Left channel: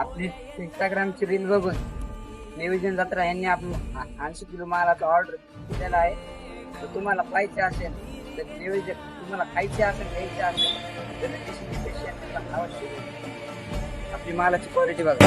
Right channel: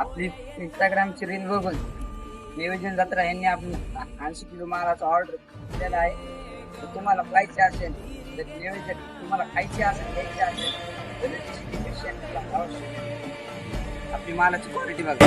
आपली इंस्टाग्रामची रील बघून नियोजन जत्रा यांनी आपण 80 किलो मालाचा ऑर्डर दिलेला आहे. तर तुम्हाला पाहिजे असेल तर नियोजन तुम्हाला खायचे असेल घ्यायचे असेल तर आपली मालाची क्वालिटी बघा.